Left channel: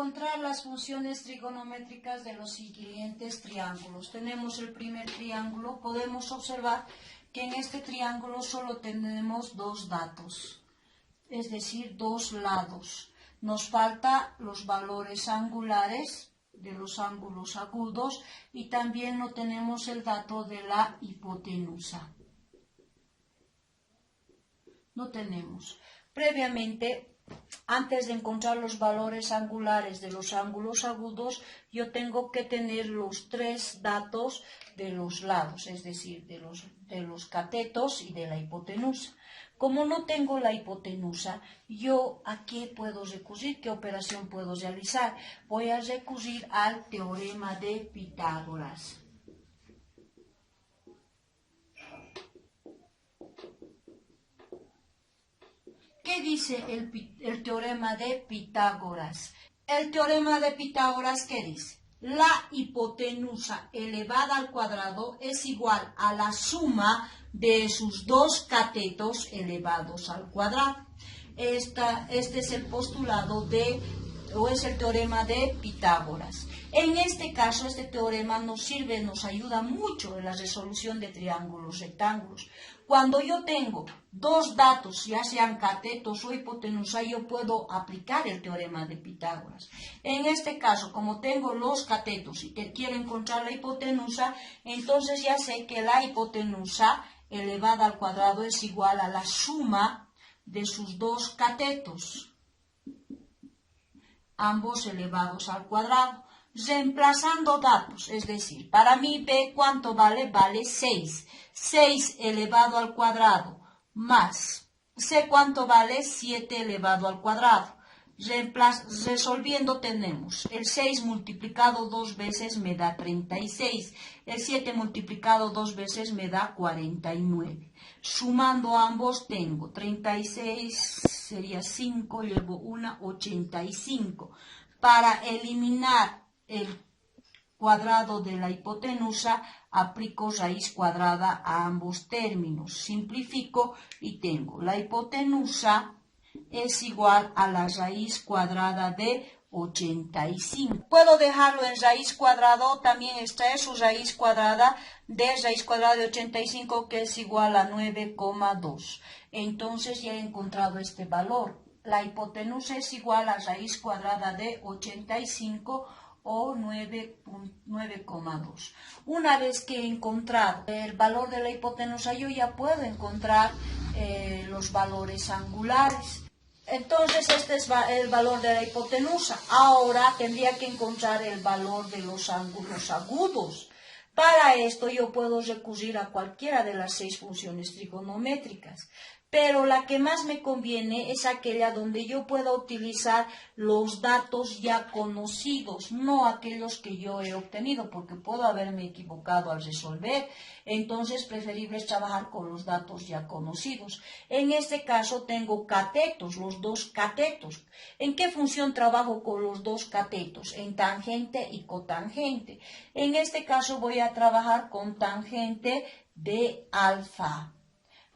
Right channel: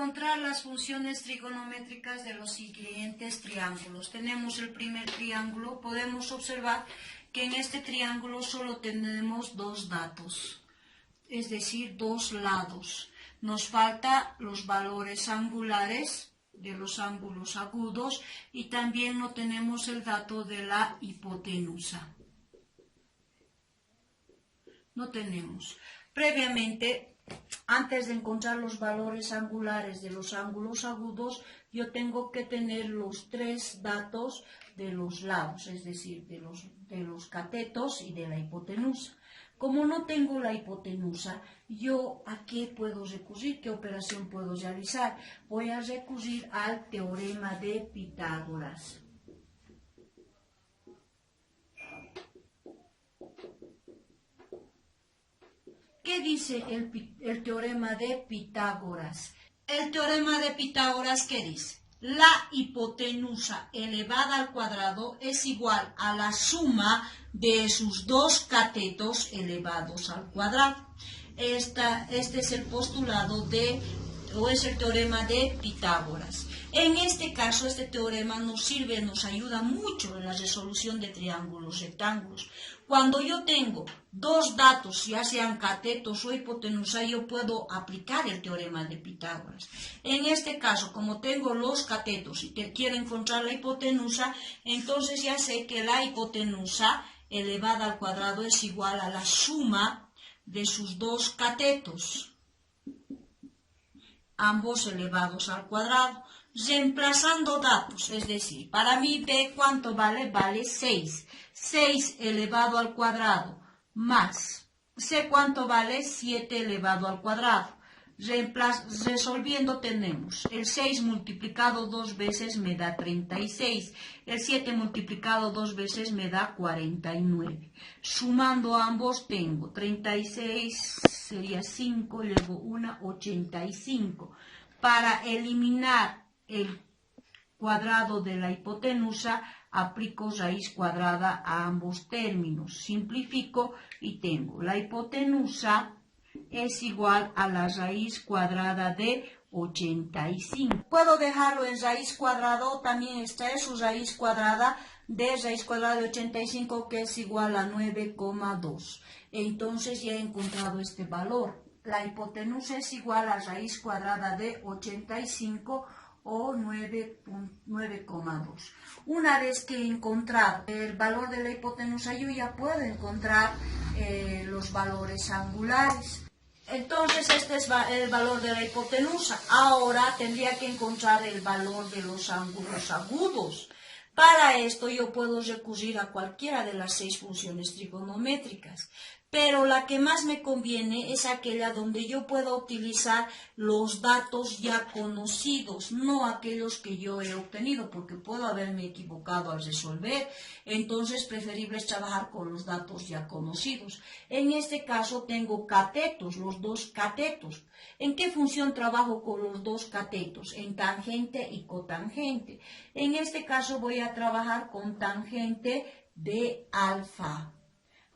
encontrar las funciones trigonométricas de los siguientes triángulos. Tenemos el primer triángulo. Podemos observar que en este triángulo solo tenemos dos datos, es decir, dos lados. Nos faltan los valores angulares de los ángulos agudos y también no tenemos el dato de la hipotenusa. No tenemos. Previamente, antes de encontrar los valores angulares de los ángulos agudos, yo tengo que tener los tres datos de los lados, es decir, de los catetos y de la hipotenusa. Como no tengo la hipotenusa, yo ¿a qué puedo recurrir? ¿Qué operación puedo realizar? Voy a recurrir al teorema de Pitágoras. ¿Qué dice el teorema de Pitágoras? El teorema de Pitágoras, ¿qué dice? La hipotenusa elevada al cuadrado es igual a la suma de sus dos catetos elevados al cuadrado. Este es el postulado es el teorema de Pitágoras. En este caso, este teorema nos ayuda mucho en la resolución de triángulos rectángulos. Cuando yo tengo dos datos, ya sean catetos o hipotenusa, yo puedo aplicar el teorema de Pitágoras. En este caso, como tengo los catetos y quiero encontrar la hipotenusa, entonces ya sé que la hipotenusa elevada al cuadrado es igual a la suma de sus dos catetos, ambos elevados al cuadrado. Reemplazando datos, es decir, para mí B, ¿cuánto vale? Vale 6. 6 elevado al cuadrado más C, ¿cuánto vale? 7 elevado al cuadrado. Resolviendo tenemos el 6 multiplicado dos veces me da 36. El 7 multiplicado dos veces me da 49. Sumando ambos tengo 36, sería 5, luego 1, 85. Para eliminar el cuadrado de la hipotenusa, aplico raíz cuadrada a ambos términos. Simplifico y tengo la hipotenusa es igual a la raíz cuadrada de 85. Puedo dejarlo en raíz cuadrada o también extraer su raíz cuadrada de 85, que es igual a 9,2. Entonces ya he encontrado este valor. La hipotenusa es igual a raíz cuadrada de 85 o 9,2. Una vez que he encontrado el valor de la hipotenusa, yo ya puedo encontrar los valores angulares. Entonces este es el valor de la hipotenusa. Ahora tendría que encontrar el valor de los ángulos agudos. Para esto yo puedo recurrir a cualquiera de las 6 funciones trigonométricas, pero la que más me conviene es aquella donde yo puedo utilizar los datos ya conocidos, no aquellos que yo he obtenido, porque puedo haberme equivocado al resolver. Entonces, preferible es trabajar con los datos ya conocidos. En este caso tengo catetos, los dos catetos. ¿En qué función trabajo con los dos catetos? En tangente y cotangente. En este caso voy a trabajar con tangente de alfa.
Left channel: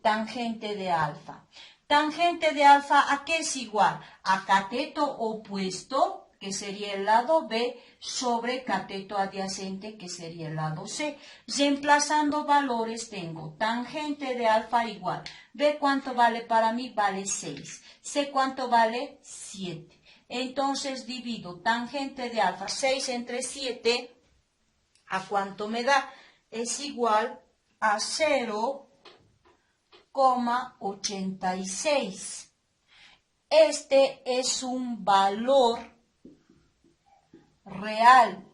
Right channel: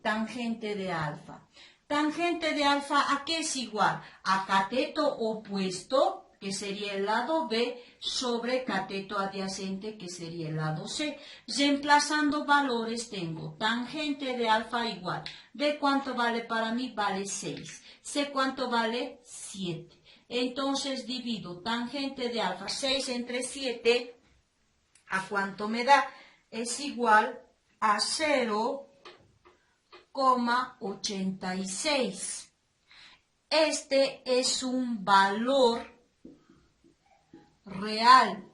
Tangente de alfa. Tangente de alfa, ¿a qué es igual? A cateto opuesto, que sería el lado B, sobre cateto adyacente, que sería el lado C. Reemplazando valores tengo tangente de alfa igual. B, ¿cuánto vale para mí? Vale 6. C, ¿cuánto vale? 7. Entonces divido tangente de alfa, 6 entre 7, ¿a cuánto me da? Es igual a 0,86. Este es un valor real.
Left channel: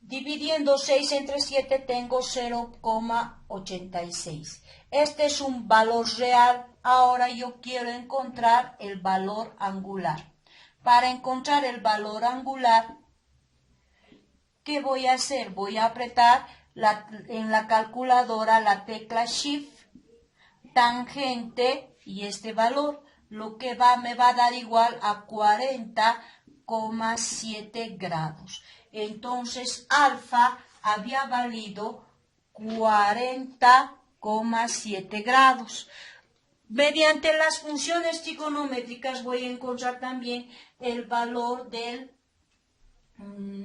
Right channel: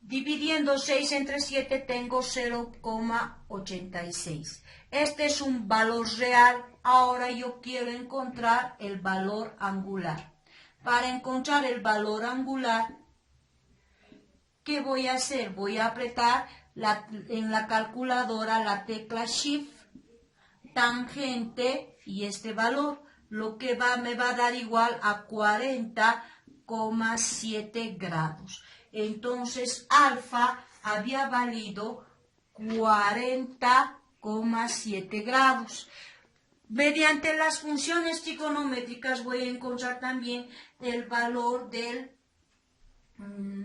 Dividiendo 6 entre 7 tengo 0,86. Este es un valor real. Ahora yo quiero encontrar el valor angular. Para encontrar el valor angular, ¿qué voy a hacer? Voy a apretar en la calculadora la tecla Shift, tangente y este valor, lo que me va a dar igual a 40,7 grados. Entonces alfa había valido 40,7 grados. Mediante las funciones trigonométricas voy a encontrar también el valor del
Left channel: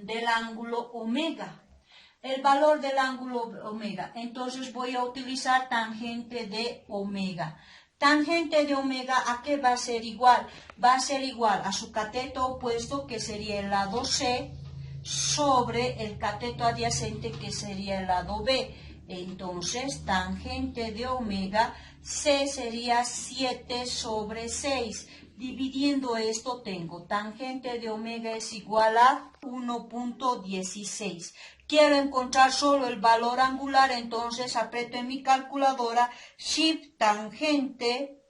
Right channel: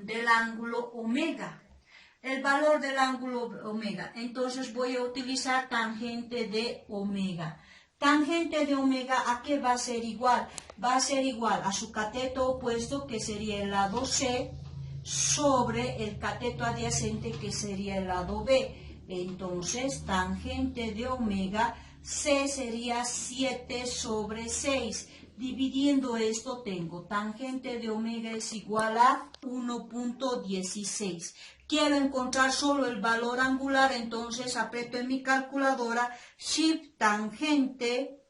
del ángulo omega. El valor del ángulo omega. Entonces voy a utilizar tangente de omega. Tangente de omega, ¿a qué va a ser igual? Va a ser igual a su cateto opuesto, que sería el lado C, sobre el cateto adyacente, que sería el lado B. Entonces, tangente de omega, C sería 7 sobre 6. Dividiendo esto, tengo tangente de omega es igual a 1.16. Quiero encontrar solo el valor angular, entonces aprieto en mi calculadora Shift tangente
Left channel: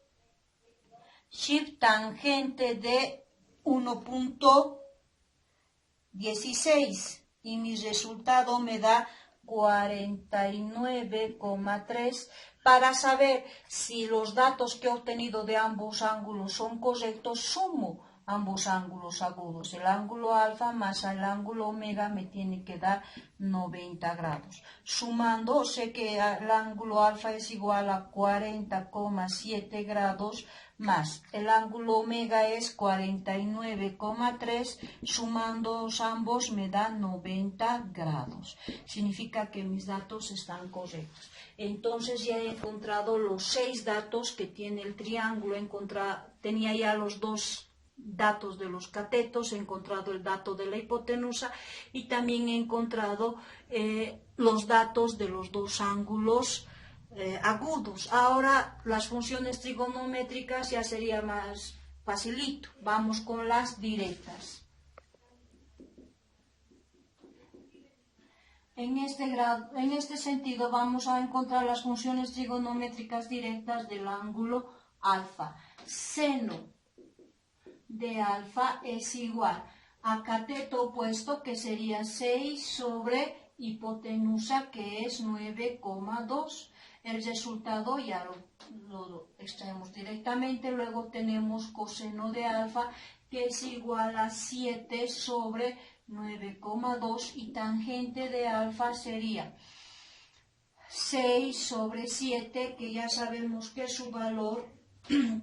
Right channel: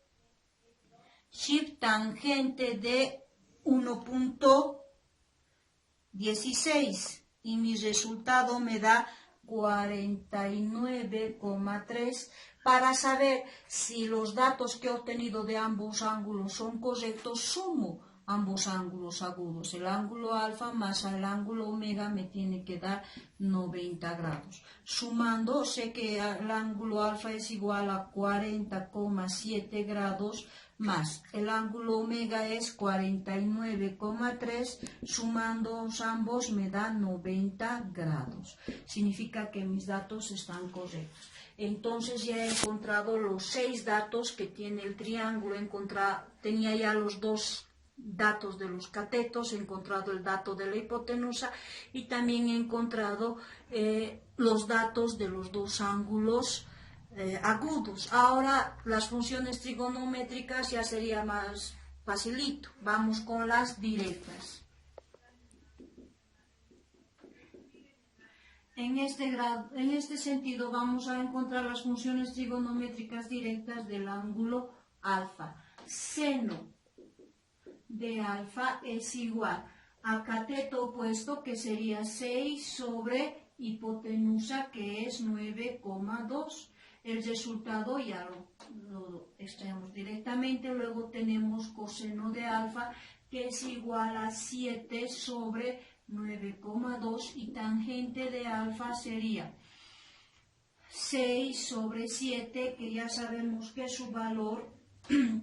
de 1.16 y mi resultado me da 49,3. Para saber si los datos que he obtenido de ambos ángulos son correctos, sumo ambos ángulos agudos. El ángulo alfa más el ángulo omega me tiene que dar 90 grados. Sumando, sé que el ángulo alfa es igual a 40,7 grados más el ángulo omega es 49,3, sumando ambos me da 90 grados. Significa que mis datos están correctos. Entonces ya he encontrado los 6 datos que tiene el triángulo. Tenía ya los 2 datos de los catetos, he encontrado el dato de la hipotenusa y también he encontrado los datos de los 2 ángulos agudos. Ahora las funciones trigonométricas ya sería más facilito. Vamos con las directas. En este sentido vamos a encontrar las funciones trigonométricas directas del ángulo alfa. Seno de alfa es igual a cateto opuesto, que sería 6 sobre hipotenusa, que es 9,2. El resultado ya lo extraemos directamente. Luego tenemos coseno de alfa, que es igual a 7 sobre 9,2, y tangente de alfa sería 6 sobre 7, que ya sabemos que su valor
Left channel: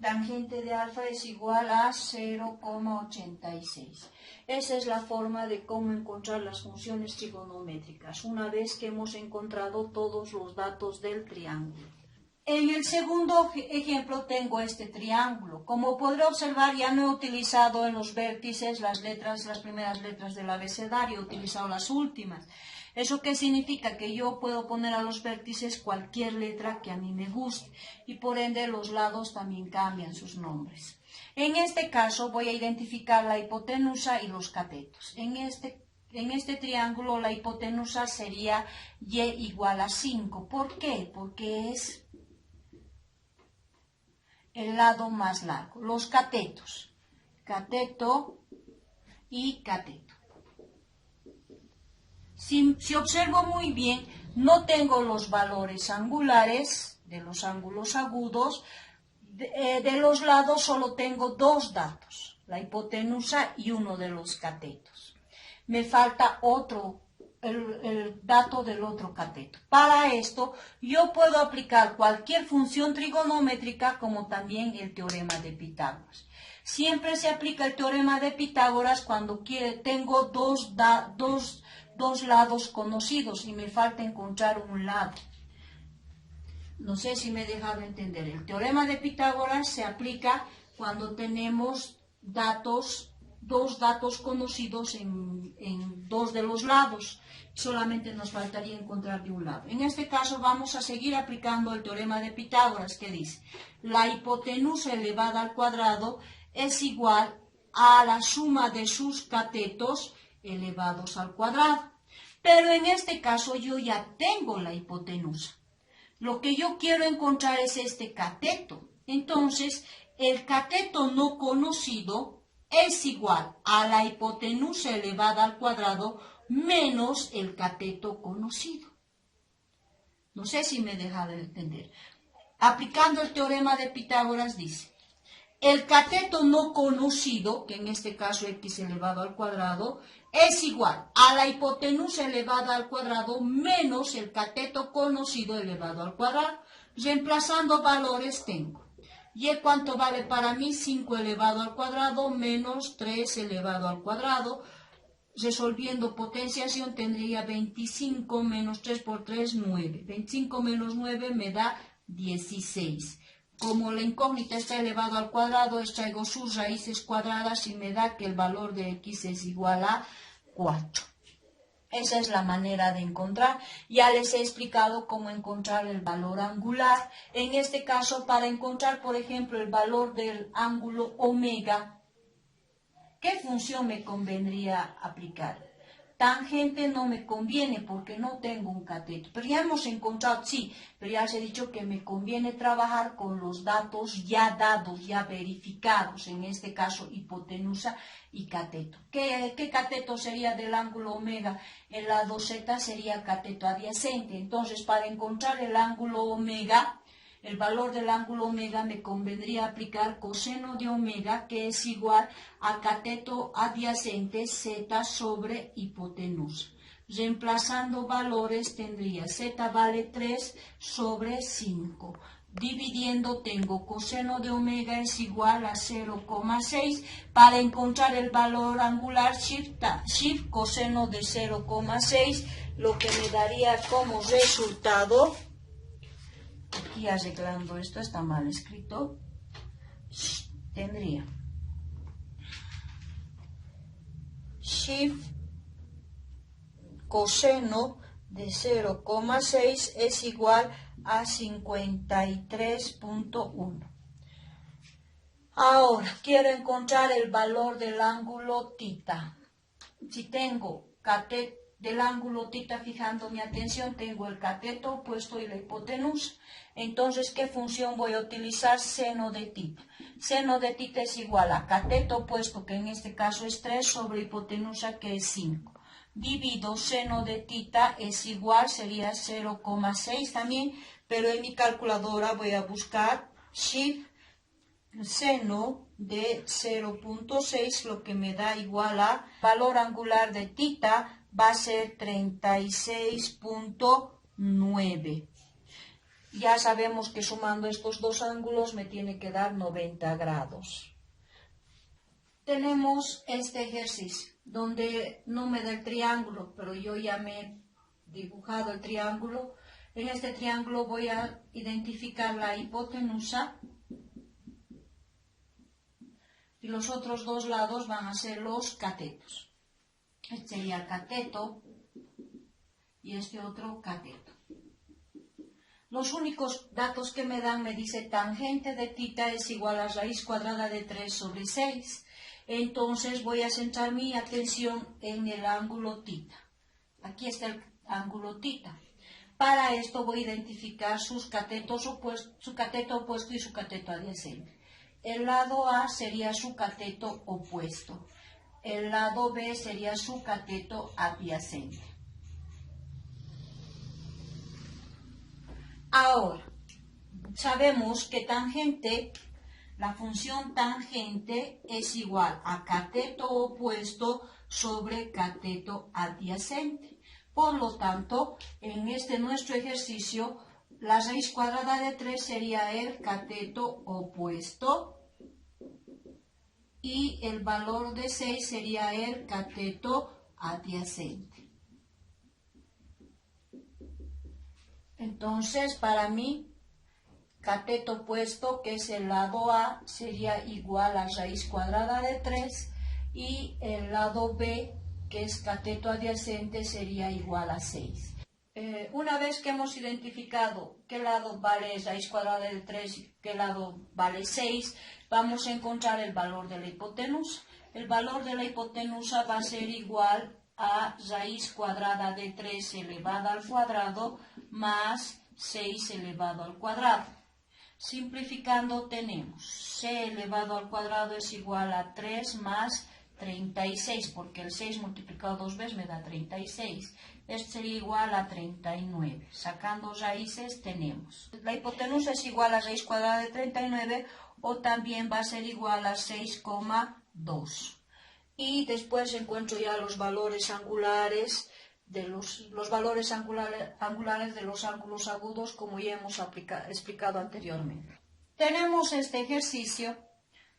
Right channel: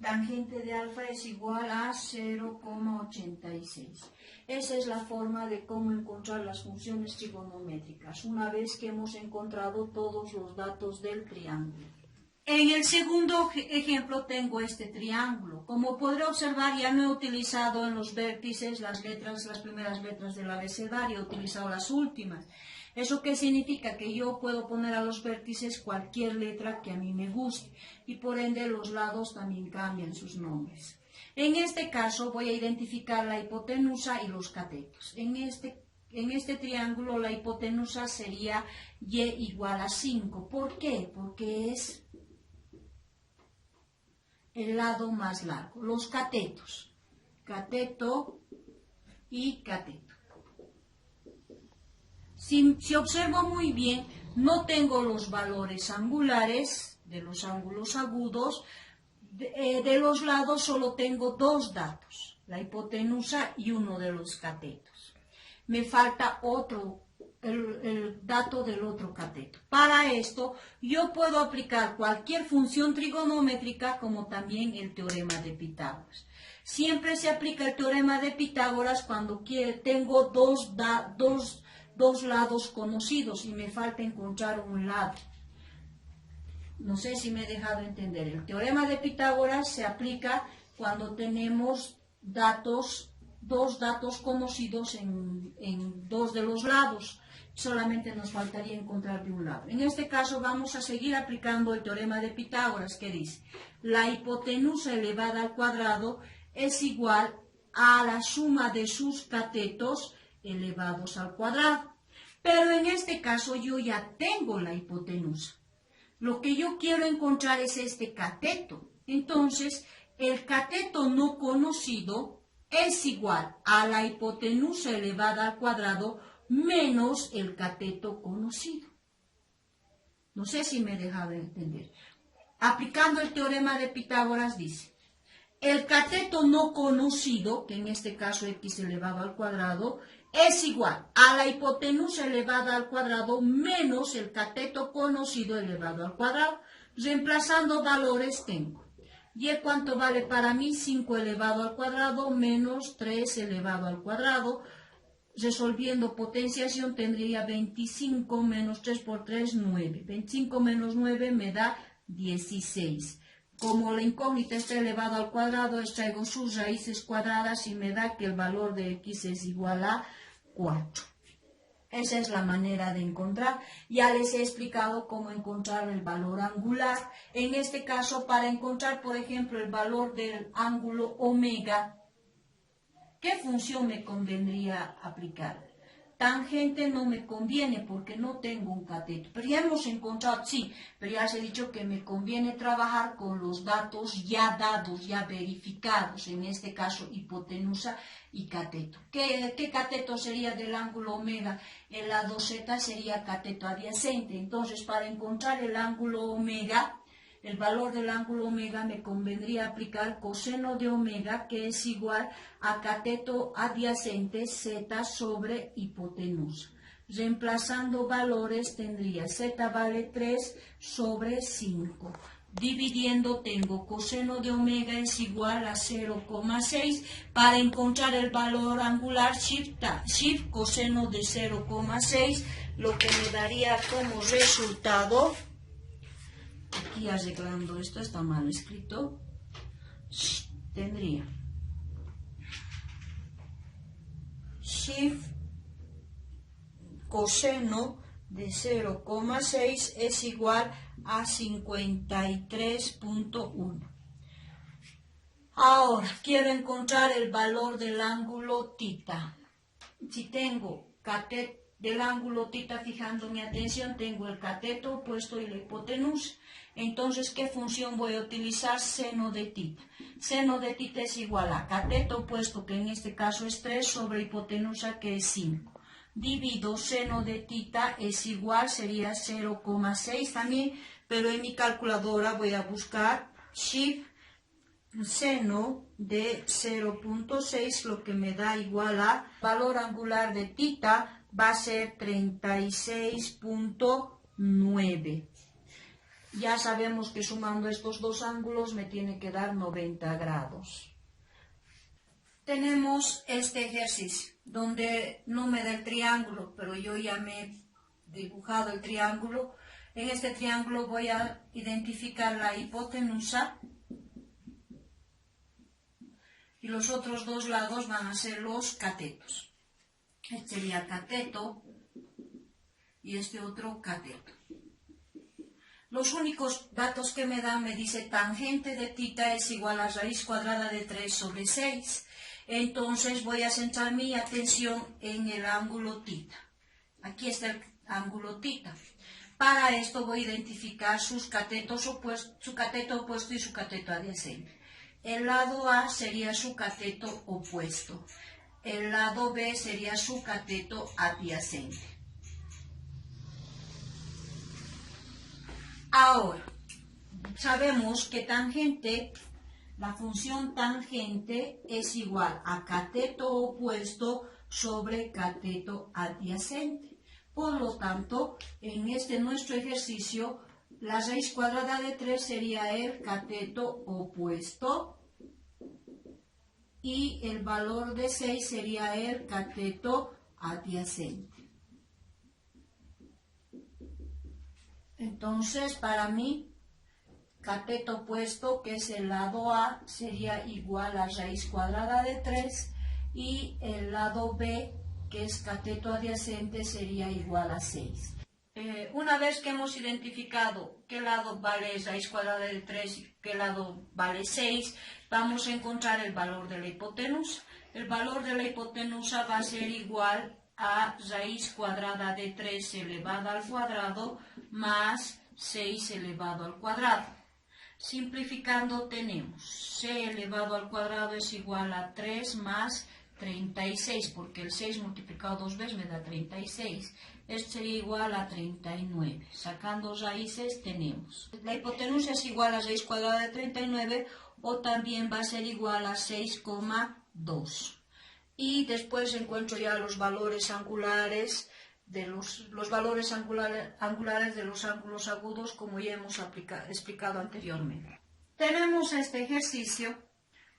tangente de alfa es igual a 0,86. Esa es la forma de cómo encontrar las funciones trigonométricas, una vez que hemos encontrado todos los datos del triángulo. En el segundo ejemplo tengo este triángulo. Como podré observar, ya no he utilizado en los vértices las primeras letras del abecedario, he utilizado las últimas. ¿Eso qué significa? Que yo puedo poner a los vértices cualquier letra que a mí me guste, y por ende los lados también cambian sus nombres. En este caso voy a identificar la hipotenusa y los catetos. En este triángulo la hipotenusa sería y igual a 5. ¿Por qué? Porque es el lado más largo. Los catetos, cateto y cateto. Si observo muy bien, no tengo los valores angulares de los ángulos agudos. De los lados solo tengo 2 datos, la hipotenusa y uno de los catetos. Me falta el dato del otro cateto. Para esto, yo puedo aplicar cualquier función trigonométrica, como también el teorema de Pitágoras. Siempre se aplica el teorema de Pitágoras cuando tengo dos lados conocidos y me falta encontrar un lado. No sé si me he dejado entender. El teorema de Pitágoras se aplica cuando tenemos dos datos conocidos en 2 de los lados. Solamente nos faltaría encontrar de un lado. En este caso vamos a seguir aplicando el teorema de Pitágoras, que dice: la hipotenusa elevada al cuadrado es igual a la suma de sus catetos elevados al cuadrado. Pero en este caso yo ya tengo la hipotenusa. Lo que yo quiero encontrar es este cateto. Entonces, el cateto no conocido es igual a la hipotenusa elevada al cuadrado menos el cateto conocido. No sé si me he dejado entender. Aplicando el teorema de Pitágoras dice: el cateto no conocido, que en este caso x elevado al cuadrado, es igual a la hipotenusa elevada al cuadrado menos el cateto conocido elevado al cuadrado. Reemplazando valores tengo y cuánto vale para mí, 5 elevado al cuadrado menos 3 elevado al cuadrado. resolviendo potenciación tendría 25 menos 3 por 3, 9. 25 menos 9 me da 16. Como la incógnita está elevado al cuadrado, extraigo sus raíces cuadradas y me da que el valor de x es igual a 4. Esa es la manera de encontrar. Ya les he explicado cómo encontrar el valor angular. En este caso, para encontrar, por ejemplo, el valor del ángulo omega, ¿qué función me convendría aplicar? Tangente no me conviene porque no tengo un cateto. Pero ya hemos encontrado, sí, pero ya os he dicho que me conviene trabajar con los datos ya dados, ya verificados. En este caso, hipotenusa y cateto. ¿Qué cateto sería del ángulo omega? El lado z sería cateto adyacente. Entonces, para encontrar el ángulo omega, el valor del ángulo omega, me convendría aplicar coseno de omega, que es igual a cateto adyacente z sobre hipotenusa. Reemplazando valores tendría z vale 3 sobre 5. Dividiendo tengo coseno de omega es igual a 0,6. Para encontrar el valor angular, shift coseno de 0,6, lo que me daría como resultado, aquí arreglando esto, está mal escrito, tendría shift coseno de 0,6 es igual a 53.1. Ahora, quiero encontrar el valor del ángulo θ. Si tengo cateto del ángulo θ, fijando mi atención, tengo el cateto opuesto y la hipotenusa. Entonces, ¿qué función voy a utilizar? Seno de θ. Seno de θ es igual a cateto opuesto, que en este caso es 3, sobre hipotenusa, que es 5. Divido seno de θ es igual, sería 0,6 también, pero en mi calculadora voy a buscar shift seno de 0,6, lo que me da igual a valor angular de θ va a ser 36.9. Ya sabemos que sumando estos dos ángulos me tiene que dar 90 grados. Tenemos este ejercicio donde no me da el triángulo, pero yo ya me he dibujado el triángulo. En este triángulo voy a identificar la hipotenusa y los otros dos lados van a ser los catetos. Este sería cateto y este otro cateto. Los únicos datos que me dan, me dice tangente de θ es igual a raíz cuadrada de 3 sobre 6. Entonces voy a centrar mi atención en el ángulo θ. Aquí está el ángulo θ. Para esto voy a identificar sus catetos opuestos, su cateto opuesto y su cateto adyacente. El lado A sería su cateto opuesto. El lado B sería su cateto adyacente. Ahora, sabemos que tangente, la función tangente es igual a cateto opuesto sobre cateto adyacente. Por lo tanto, en este nuestro ejercicio, la raíz cuadrada de 3 sería el cateto opuesto y el valor de 6 sería el cateto adyacente. Entonces, para mí, cateto opuesto, que es el lado A, sería igual a raíz cuadrada de 3 y el lado B, que es cateto adyacente, sería igual a 6. Una vez que hemos identificado qué lado vale raíz cuadrada de 3 y qué lado vale 6, vamos a encontrar el valor de la hipotenusa. El valor de la hipotenusa va a ser igual a raíz cuadrada de 3 elevada al cuadrado más 6 elevado al cuadrado. Simplificando tenemos c elevado al cuadrado es igual a 3 más 36, porque el 6 multiplicado dos veces me da 36. Esto sería igual a 39. Sacando raíces tenemos. La hipotenusa es igual a raíz cuadrada de 39 o también va a ser igual a 6,2. Y después encuentro ya los valores angulares de los valores angulares de los ángulos agudos, como ya hemos explicado anteriormente. Tenemos este ejercicio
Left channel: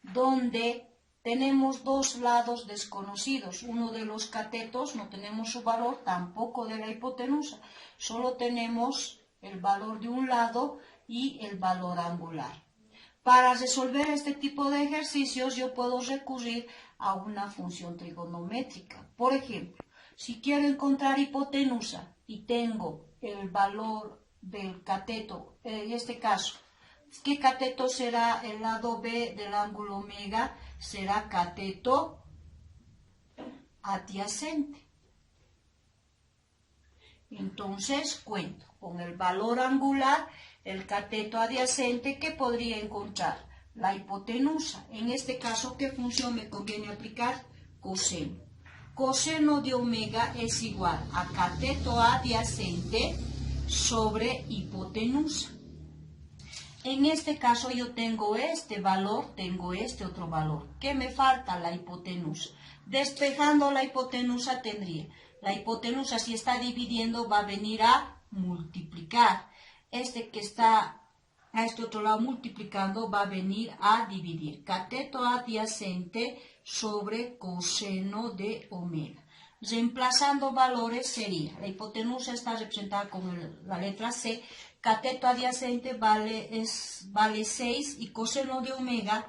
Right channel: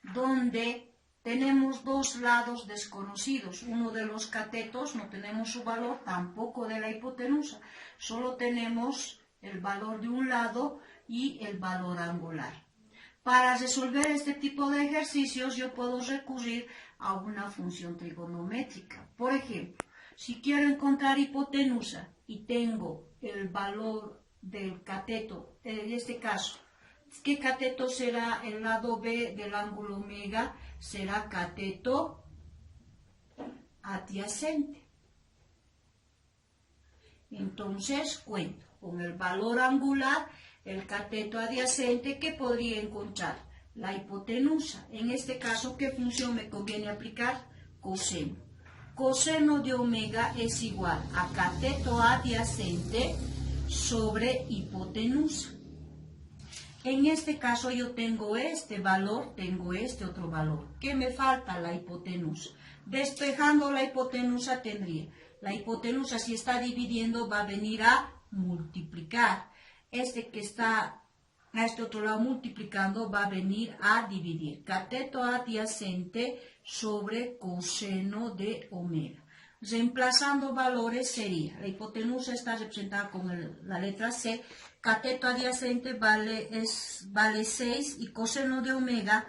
donde tenemos dos lados desconocidos. Uno de los catetos no tenemos su valor, tampoco de la hipotenusa. Solo tenemos el valor de un lado y el valor angular. Para resolver este tipo de ejercicios yo puedo recurrir a una función trigonométrica. Por ejemplo, si quiero encontrar hipotenusa y tengo el valor del cateto, en este caso, ¿qué cateto será el lado B del ángulo omega? Será cateto adyacente. Entonces cuento con el valor angular, el cateto adyacente, que podría encontrar la hipotenusa. En este caso, ¿qué función me conviene aplicar? Coseno. Coseno de omega es igual a cateto adyacente sobre hipotenusa. En este caso yo tengo este valor, tengo este otro valor. ¿Qué me falta? La hipotenusa. Despejando la hipotenusa tendría, la hipotenusa si está dividiendo va a venir a multiplicar. Este que está a este otro lado multiplicando va a venir a dividir. Cateto adyacente sobre coseno de omega. Reemplazando valores sería, la hipotenusa está representada con la letra C, cateto adyacente vale 6 y coseno de omega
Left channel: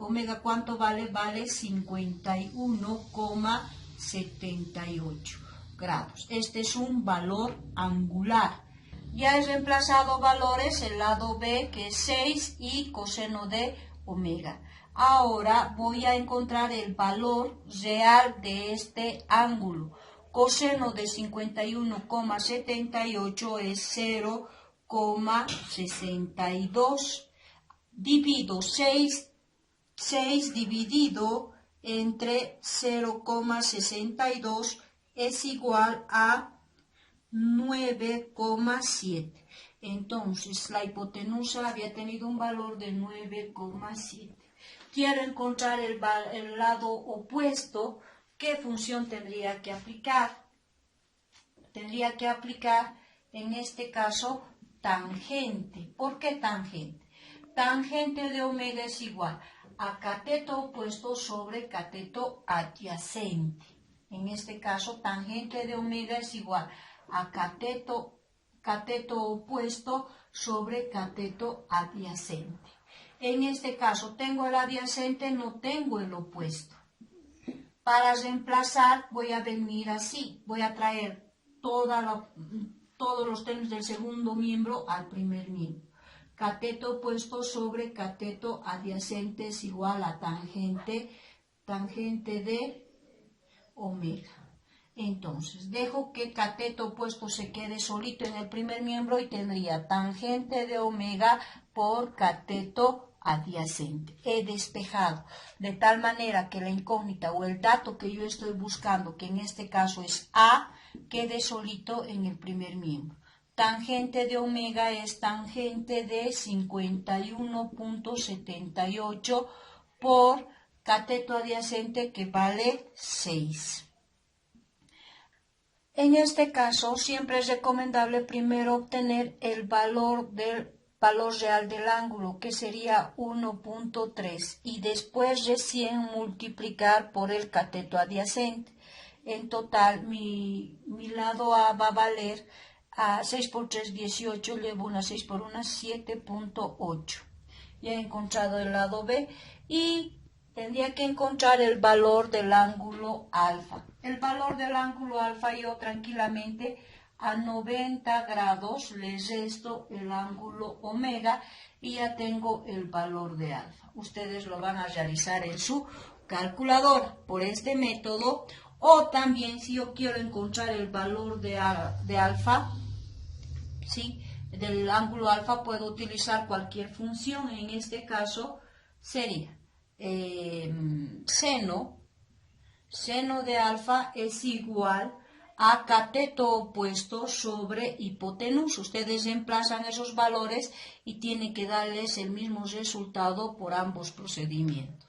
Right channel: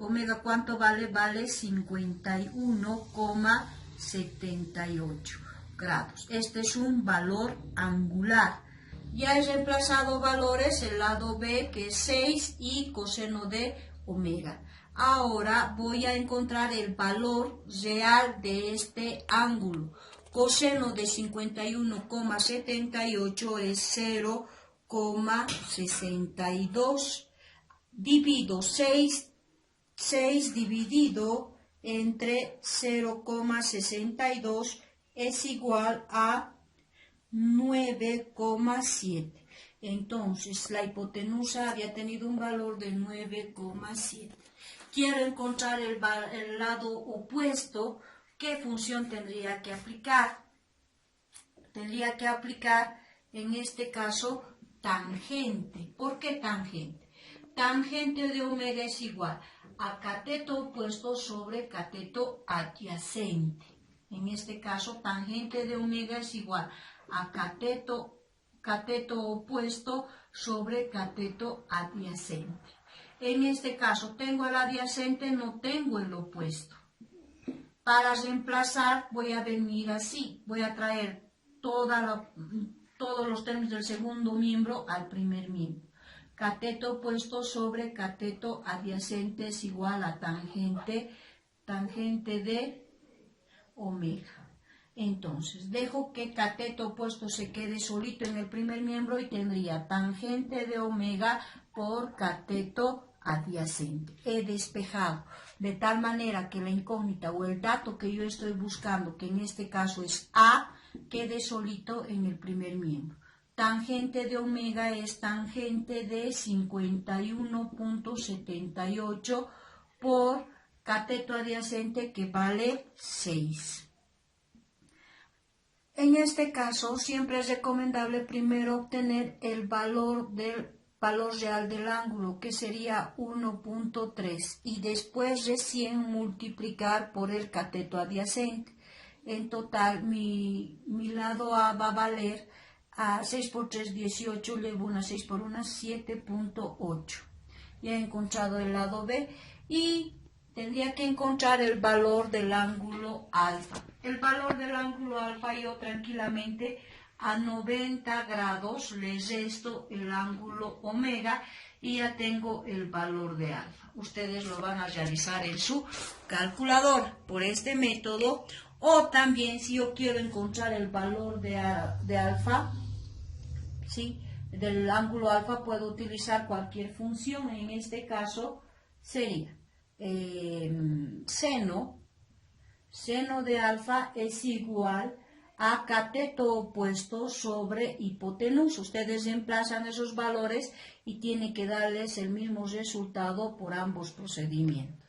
omega ¿cuánto vale? Vale 51,78 grados. Este es un valor angular. Ya he reemplazado valores, el lado B que es 6 y coseno de omega. Ahora voy a encontrar el valor real de este ángulo. Coseno de 51,78 es 0,62. Divido 6 dividido entre 0,62 es igual a 9,7. Entonces la hipotenusa había tenido un valor de 9,7. Quiero encontrar el lado opuesto. ¿Qué función tendría que aplicar? Tendría que aplicar en este caso tangente. ¿Por qué tangente? Tangente de omega es igual a cateto opuesto sobre cateto adyacente. En este caso, tangente de omega es igual a cateto opuesto sobre cateto adyacente. En este caso, tengo el adyacente, no tengo el opuesto. Para reemplazar, voy a venir así. Voy a traer todos los términos del segundo miembro al primer miembro. Cateto opuesto sobre cateto adyacente es igual a tangente de omega. Entonces, dejo que cateto opuesto se quede solito en el primer miembro y tendría tangente de omega por cateto adyacente. He despejado de tal manera que la incógnita o el dato que yo estoy buscando, que en este caso es A, quede solito en el primer miembro. Tangente de omega es tangente de 51,78 por cateto adyacente que vale 6. En este caso siempre es recomendable primero obtener el valor real del ángulo, que sería 1,3, y después recién multiplicar por el cateto adyacente. En total mi lado A va a valer a 6 por 3, 18, llevo una 6 por 1, 7,8. Ya he encontrado el lado B y tendría que encontrar el valor del ángulo alfa. El valor del ángulo alfa yo tranquilamente a 90 grados le resto el ángulo omega y ya tengo el valor de alfa. Ustedes lo van a realizar en su calculadora por este método, o también si yo quiero encontrar el valor de alfa, ¿sí?, del ángulo alfa, puedo utilizar cualquier función. En este caso sería seno de alfa es igual a cateto opuesto sobre hipotenusa. Ustedes reemplazan esos valores y tienen que darles el mismo resultado por ambos procedimientos.